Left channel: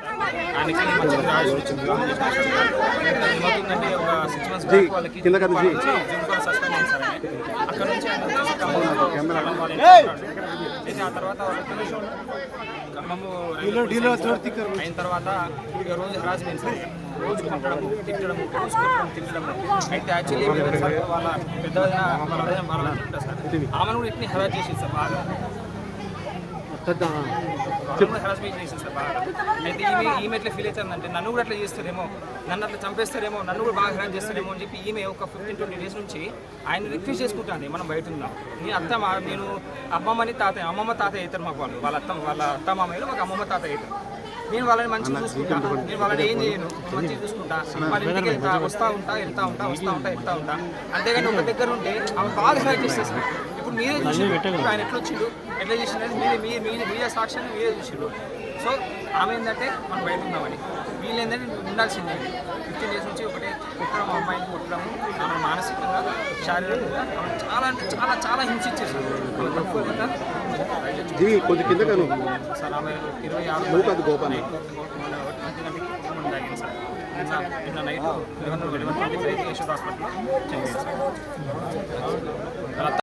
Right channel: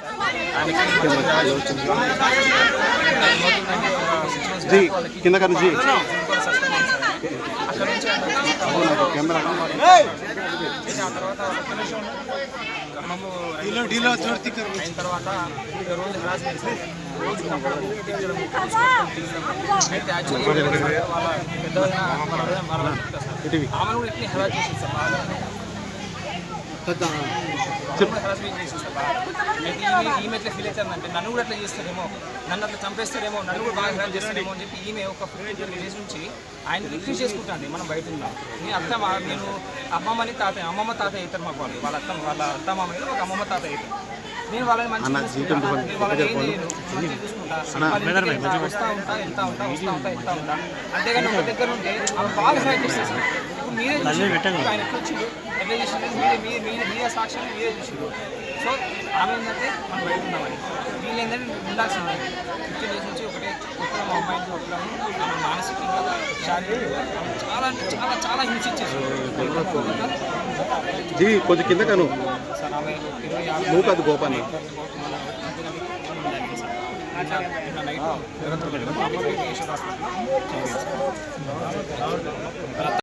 Sir. ఆయనకి ఏమవుతుందంటే ఒక 6 months బ్యాక్ వాళ్ళకి జిమ్ కూడా సస్పెండ్ అయింది సార్. అక్కడ నుంచి ఆయన వచ్చేసి ఖమ్మంలో ఆ తర్వాత ఖమ్మము అయిన తర్వాత ఇక రోజు హరాస్మెంట్ సార్. రోజు కొట్టడము తిట్టడము రోజు కొట్టడం తిట్టడము. అయితే యాక్చువల్లీ వాళ్ళ పెద్దదైన వాళ్ళ ఉంటారు సార్. ఆమెను కూడా ఇట్లా హెరాస్ చేసి సార్ బాగా హెరాస్మెంట్ చేసి సార్ బాగా. అయితే ఈమె ఎట్లా ఫీల్ అవుతుందంటే నన్ను కూడా అట్లా చేస్తారేమో, నన్ను అట్లా చంపేస్తారేమో, నన్ను కూడా బాగా హెరాస్ చేస్తారేమో అని చెప్పి ఈమె ఒక 15-20 days నుంచి ఆయన రిక్వెస్ట్ చేసుకుంటాండి. మనం బయట ఉన్నాం, మీ అత్త నేను అమ్మమ్మని తాతయ్య, అమ్మమ్మ తాతయ్య అవుతారు మాకు వాళ్ళు, వాళ్ళ అత్త మామయ్యలు ఒక అమ్మమ్మ తాతయ్య అవుతారు. నేను వాళ్ళని మంచిగా చూసుకుంటా, నేను వాళ్ళని ఏం చేయను, మంచిగా చూసుకుంటా, వస్తూ ఉంటా వెళ్తా ఉంటా. అంతేగాని ఒక దగ్గర ఉంటే ఆమె బాగా హెరాస్ చేస్తారు. ఇప్పుడు మీరే చూసి ఆయన ఎట్లా వచ్చిండు, ఎట్లా చేసిందని మీరే సాక్ష్యాన్ని మీరే చూసిండు. సో ఆమె ఏంటంటే మనం బయట ఉన్నామని, వీళ్ళు ఏంటంటే ఉండాల్సిందే. 15 days నుంచి ఒకటే కొట్టడం, అమ్మాయిని కొట్టడము, ఆమె మానసికంగా శారీరకంగా ఆమె చాలా అంటే చాలా చాలా హింసించేసారు. ఆమె తక్కువ కొంచెం కింద కాను సార్. ఆమె 26 మంచి తాగింది సార్. నిన్న నైట్ 11:25 యశోద హాస్పిటల్లో చనిపోయింది సార్.